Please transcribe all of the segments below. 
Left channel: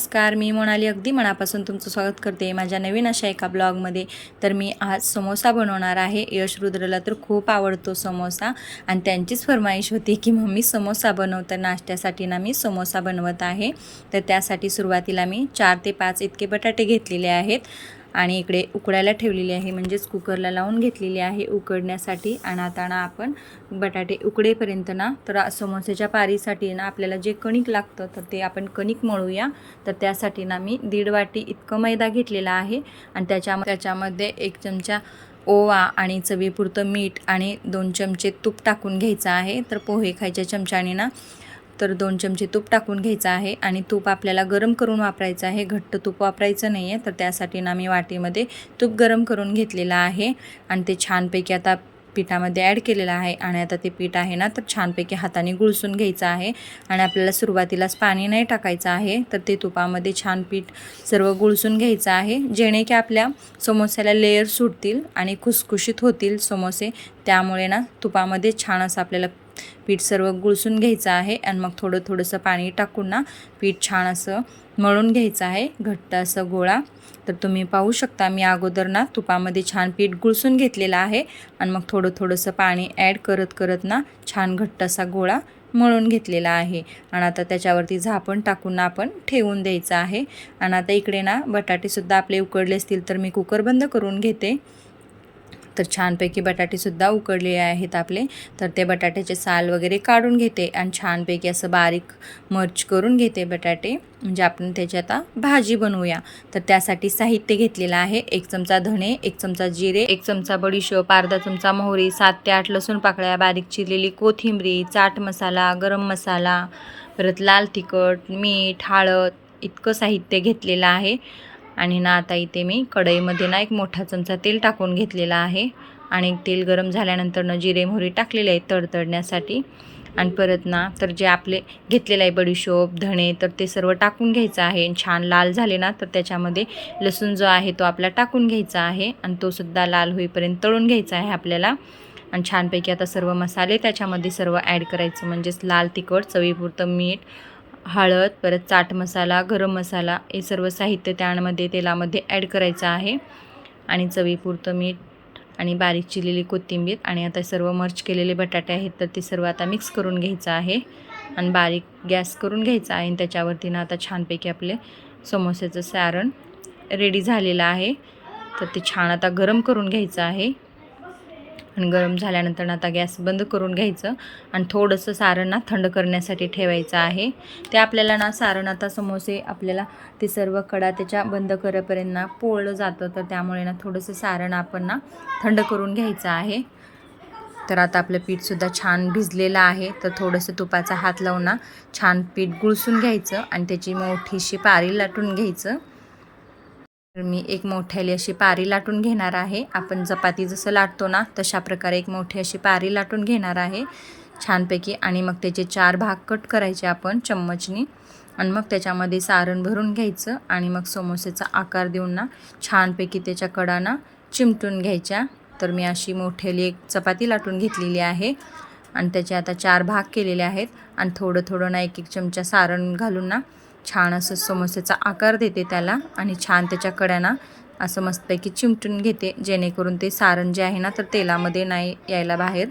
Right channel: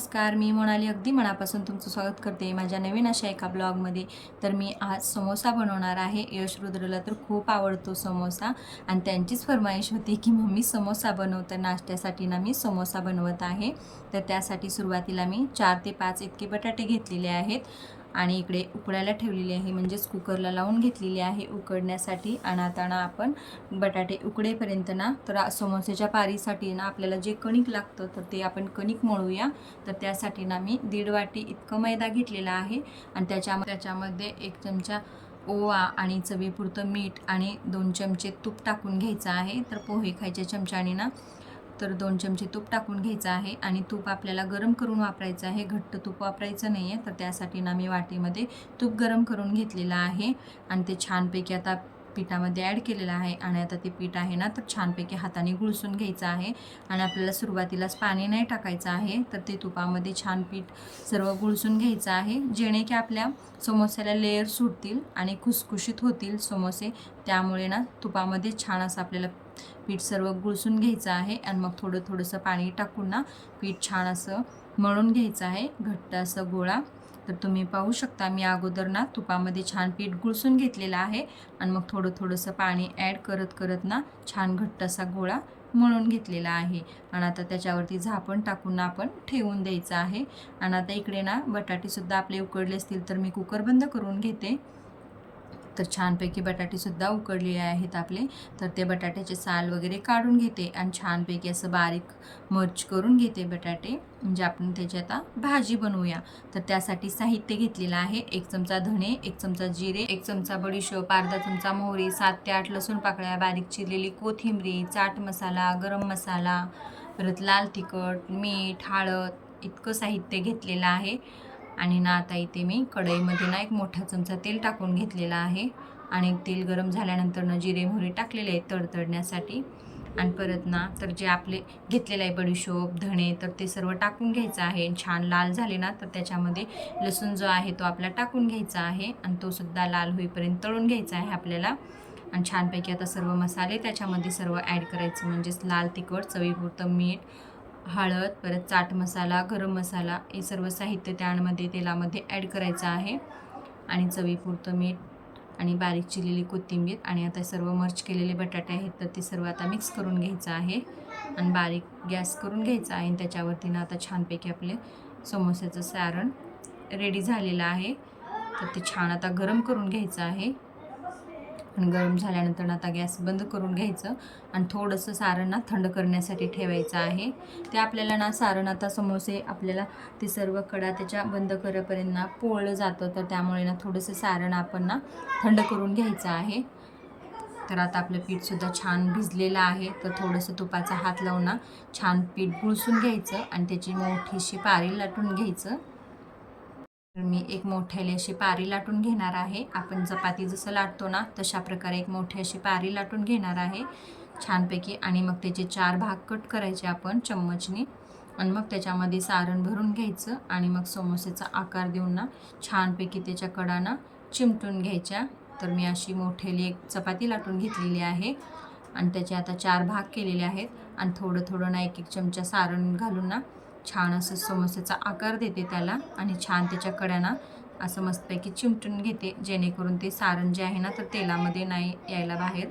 नमस्कार मी मोनाली. अगदी मनापासून तुमचं स्वागत करते माझ्या नवीन अशा एका ब्लॉगमध्ये. तर मी आज समोसा बनवणार आहे. यश रुद्रला तर खूप आवडतो समोसा आणि त्यांचीच फरमाईश होती की मम्मी समोसा बनवतं नाश्त्यासाठी ना मी समोसा बनवत आहे. तर त्यासाठी सुरुवातीला मी चार ते पाच इतके बटाटे घेतलेले आहेत. आणि इकडे उकडायला ठेवलेली आहे म्हणजेच कुकरला लावून घेतलेली आहे उकडण्यासाठी. आणि आता ना आपण बटाटे उकडेपर्यंत ना तर समोसेच्या पारीसाठी ना आपल्याला जे कणिक लागतं तर ते आपण कणिक मळूया. तर त्यासाठी ना मी दीड वाटी इतकं मैदा घेतलेला आहे. आणि त्याच्या त्याच्यामध्ये एक चमचा ओवा आणि चवीपुरतं मीठ आणि दोन चमचे तूप टाकून घ्यायचं आहे. तर पोहे खायच्या चमच्याने ना तर दोन चमचे तूप टाकून घ्यायचं आहे आणि तूप आपल्याला गरम करून वापरायचं आहे. घट्ट तूप वापरायचं नाही आहे तर त्यासाठी ना मी वाटीमध्ये तूप गरम करून घेतलेलं आहे आणि ते छानपैकी आता पिठामध्ये ॲड केलेलं आहे आणि आता ते पीठ आहे ना तर छानपैकी हाताने गुळसून घ्यायचं आहे आणि आपल्याला सुरुवातीलाच पाणी नाही टाकायचं आहे तर ते तुपामध्ये छान पीठ सर्व गुळसून घ्यायचं आहे. जेणे की आपल्या समोस्याला लेअर सुटतील आणि खुसखुशीत होतील समोसे त्यामुळे ना तुपामध्ये छान असं आपल्याला पीठ सर्व गुळसून घ्यायचं आहे आणि मग थोडं थोडंसं पाणी टाकून ना पीठ छान असं मळून घ्यायचं आहे. घट्ट असं गोळा. तर तुम्ही पाहू शकता मी अगोदर ना तुपामध्ये छान पीठ गुळसून घेतलेलं आहे आणि मग थोडं थोडंसं पाणी ॲड करत करत ना छान घट्ट असा गोळा मळून घेतलेला आहे. आणि आता त्याच्यावरती झापण टाकून आपण ठेवून द्यायचं आहे. आणि आता इकडे ना बटाटेसुद्धा आपले उकडले असतील तर मी कुकर बंद करून घेते. तर छानपैकी बटाटेसुद्धा उकडले आहेत आपले. तर ते बटाट्याचे साल वगैरे काढून घेते आणि छानपैकी असं बारीक मर्च करून घेते बटाटे. म्हणजे आपण त्याची आता भाजी बनवूया. तर त्यासाठी साहित्य घेतलेलं आहे. एक चमचा धणे एक चमचा जिरे एक चमचा बडीशोप अर्धा चमचा मोहरी सात ते आठ लसूण पाकळ्या बारीक चिरलेली कोथिंबरी चाट मसाला गरम मसाला परत लाल तिखट मीठ हळद इतकं साहित्य घेतलेलं आहे. आणि ना आता इथे मी कढईमध्ये ना एक मोठा चमचा तेल टाकून घेतलेला आहे. आणि तेल गरम झाल्यानंतर ना जिरे मोहरी टाकलेले आहे तडतडण्यासाठी. आणि परत ना तर जे आपले घेतलेलं आहे बडीशोप धणे तर ते सर्व टाकून घ्यायचं आहे. छान लाल झाले ना तर त्याच्यामध्ये लसूण जो आहे तो आपला टाकून घ्यायचा आहे. आणि तो सुद्धा लाल होईपर्यंत तळून घ्यायचा आहे आपल्याला. आणि छानपैकी आता सर्व मसाले त्याच्यामध्ये सर्व ॲड करायचं. म्हणजेच लाल तिखट चवीपुरतं मीठ हळद परत चाट मसाला गरम मसाला हे सर्व साहित्य त्यामध्ये तेलामध्ये ॲड करायचं आहे. आणि चवीपुरतं मीठ आणि बारीक चिरलेली कोथिंबीर आणि आता सर्व मर्च केलेले बटाटे आहेत तर ते सर्व आता मिक्स करून घ्यायचं आहे. आणि बारीक गॅस करून घ्यायचा आहे आणि त्याच्यावरती ना आता छानपैकी आपले समोस्याचं सारण रेडी झालेलं आहे. तर ते छान आता गरम करून घ्यायचं आहे. आणि गरम झाल्यानंतर आता गॅस बंद करून घ्यायचं आणि थोडंसं सारण ना थंड करण्यासाठी ठेवायचं आहे. ते आपल्याला ना सारण आता समोसे आपल्याला ते सर्व कडा त्याच्या बंद करेपर्यंत ना पोळलं जातं तर त्यामुळे ना थोडंसं सारण आपण ना थंड करून घ्यायचं आहे. तर आता आपलं पीठसुद्धा छान भिजलेलं आहे तर थोडंसं तुपाचा हात लावून ना छान पीठ गुळसून घ्यायचं आणि त्याची मोठीशी पारी लाटून घ्यायचं. तर मी एक मोठ्याली अशी पारी लाटून घेणार आहे. आपण चपाती जसं लाटतो ना तशा प्रकारे एक मोठी अशी पारी लाटून घेणार आहे. छानपैकी. आणि मग त्याचे चार भाग कट करायचे आपण चम्मचनी. आणि मग त्याच्यामध्ये सारण भरून घ्यायचं. आणि मग समोसेचा आकार देऊन ना छानपैकी त्याच्या कडाना चिमटून घ्यायच्या. तर मी अशी मोठ्याली एक चपाती लाटून घेतलेली आहे. आणि त्याचे आता चार भाग केलेले आहेत. आणि थोडं थोडं ना एक एक चमचा सारण घालून ना छान असं समोसेचा आकार देते त्याला आणि छान त्याच्या कड्यांना असं मस्तपैकी चिमटून घेते जेणेकरून ते सारण जे आहे ना तर तेलामध्ये नाही यायला बाहेर.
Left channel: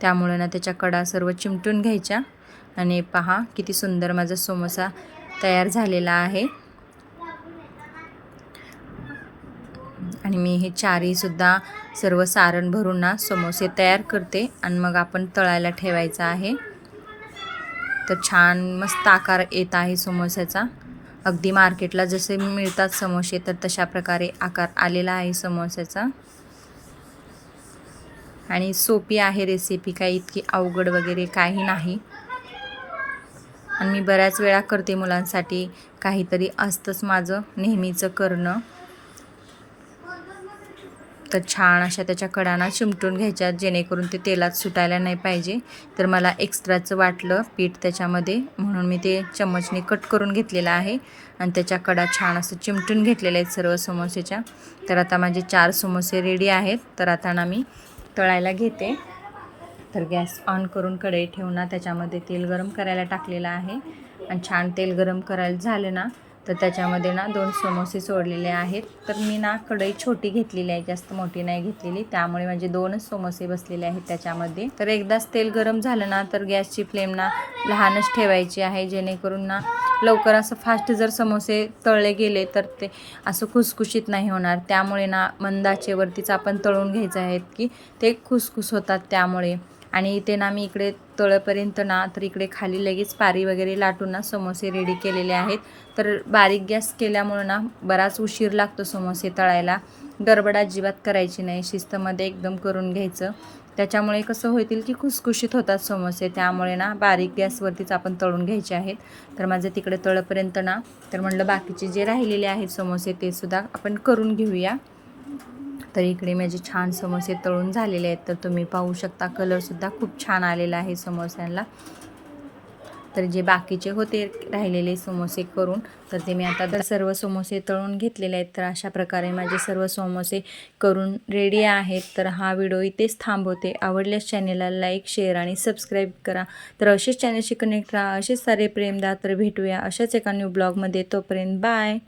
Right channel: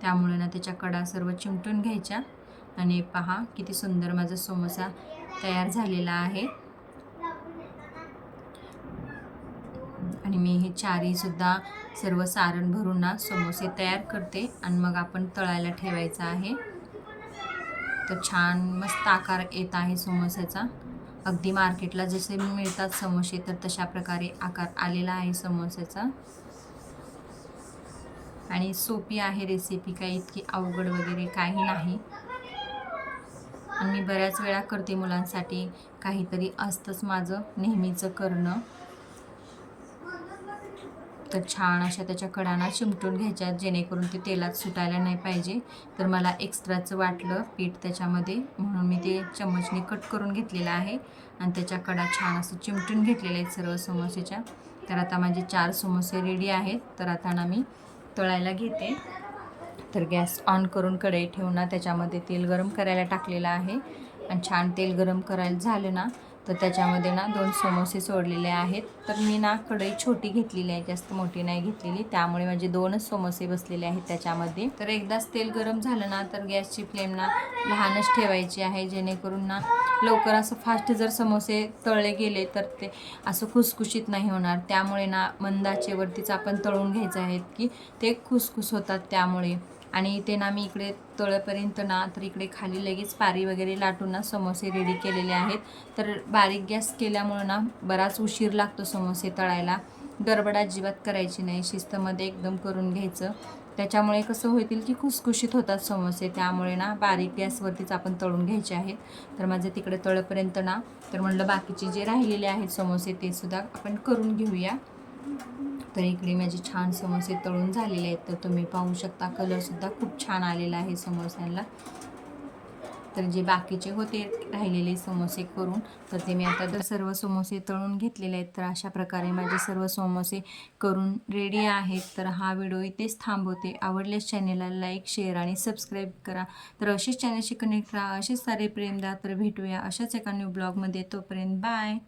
त्यामुळे ना त्याच्या कडा सर्व चिमटून घ्यायच्या. आणि पहा किती सुंदर माझा समोसा तयार झालेला आहे. आणि मी हे चारीसुद्धा सर्व सारण भरून ना समोसे तयार करते. आणि मग आपण तळायला ठेवायचं आहे. तर छान मस्त आकार येत आहे समोस्याचा अगदी मार्केटला जसे मिळतात समोसे तर तशा प्रकारे आकार आलेला आहे समोस्याचा आणि सोपी आहे रेसिपी काही इतकी अवघड वगैरे काही नाही. आणि मी बऱ्याच वेळा करते मुलांसाठी काहीतरी असतंच माझं नेहमीचं करणं. तर छान अशा त्याच्या कडाना चिमटून घ्यायच्या जेणेकरून ते तेलात सुटायला नाही पाहिजे. तर मला एक्स्ट्राचं वाटलं पीठ त्याच्यामध्ये म्हणून मी ते चम्मचने कट करून घेतलेलं आहे. आणि त्याच्या कडा छान असं चिमटून घेतलेल्या आहेत सर्व समोसेच्या. तर आता माझे चार समोसे रेडी आहेत. तर आता ना मी तळायला घेते. तर गॅस ऑन करून कढई ठेवून ना त्याच्यामध्ये तेल गरम करायला टाकलेलं आहे. आणि छान तेल गरम करायला झालं ना तर त्याच्यामध्ये ना दोन समोसे सोडलेले आहेत. तर मी ना कढई छोटी घेतलेली आहे जास्त मोठी नाही घेतलेली. त्यामुळे माझे दोनच समोसे बसलेले आहेत त्याच्यामध्ये. तर एकदाच तेल गरम झालं ना तर गॅसची फ्लेम ना लहानच ठेवायची आहे. जेणेकरून ना लवकर असं फास्ट जर समोसे तळले गेले तर ते असं खुसखुशीत नाही होणार. त्यामुळे ना मंदाचेवरतीच आपण तळून घ्यायचं आहेत की ते खुसखुस होतात त्यामुळे. आणि इथे ना मी इकडे तळपर्यंत ना तर इकडे खाली लगेच पारी वगैरे लाटून ना समोसे रेडी केलेले आहेत. तर बारीक गॅस केल्यामुळं ना बराच उशीर लागतो समोसे तळायला. गडबड अजिबात करायची नाही. शिस्तमध्ये एकदम करून घ्यायचं. त्याच्यामुळे कसं होतील की खुसखुशीत होतात समोसे. त्यामुळे ना बारीक गॅसवरतीच आपण तळून घ्यायचे आहेत. तर माझं तिकडे तळपर्यंत ना तर म्हटलं बाकीचे जे राहिलेले आहेत समोसे ते सुद्धा आपण करून घेऊया. तर इकडे माझे छान समोसे तळून झालेले आहेत. तर तुम्ही पाहू शकता कलरसुद्धा खूप छान आलेला आहे समोस्यांना. तर जे बाकीचे होते राहिलेले समोसे करून तर ते मी आता तर सर्व समोसे तळून घेतलेले आहेत. तर अशा प्रकारे माझे सर्व समोसे करून रेडी आहेत. तर हा व्हिडिओ इथेच थांबवते. आवडल्यास चॅनेलला लाईक शेअर आणि सबस्क्राईब करा. तर असेच चॅनलशी कनेक्ट राहा असेच सारे प्रेमदा तर भेटूया अशाच एका न्यू ब्लॉगमध्ये तोपर्यंत बाय